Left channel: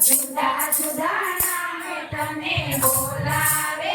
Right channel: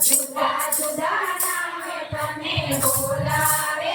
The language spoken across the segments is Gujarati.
જુદા જુદા નામે તને બોલાવે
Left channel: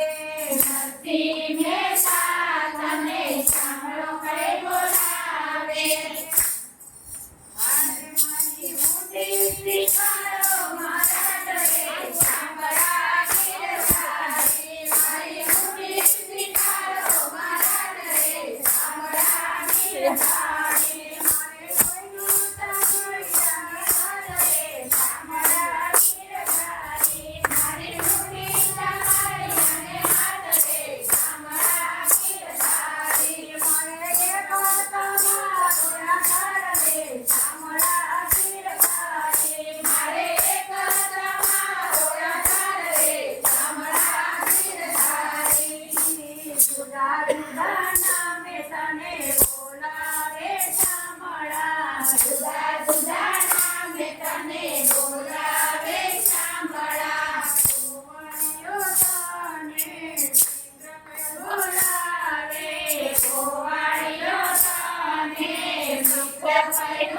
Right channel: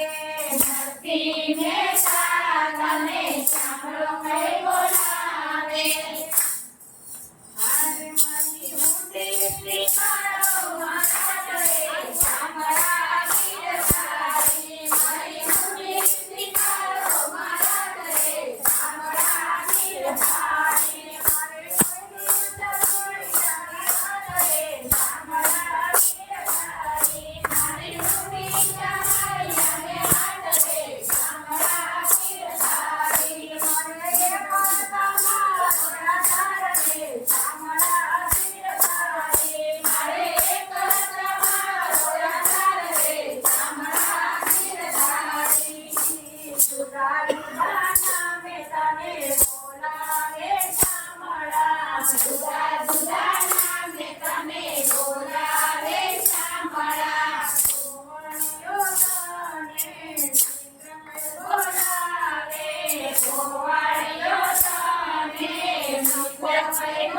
Happy Merry Bye.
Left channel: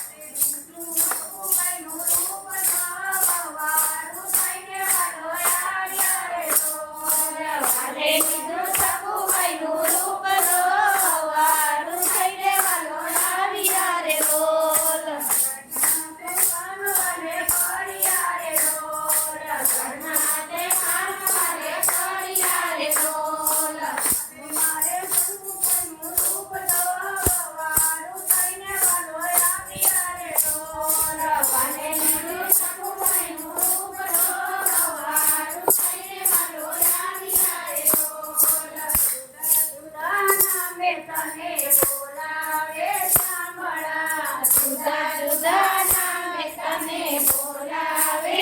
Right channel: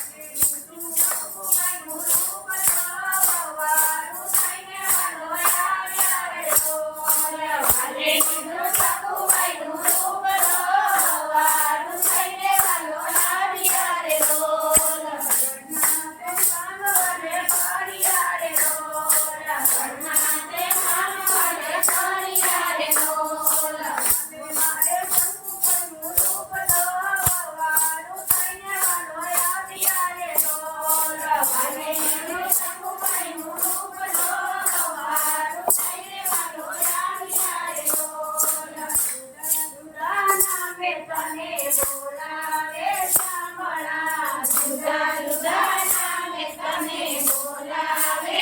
જુદા જુદા નામે તને બોલાવે.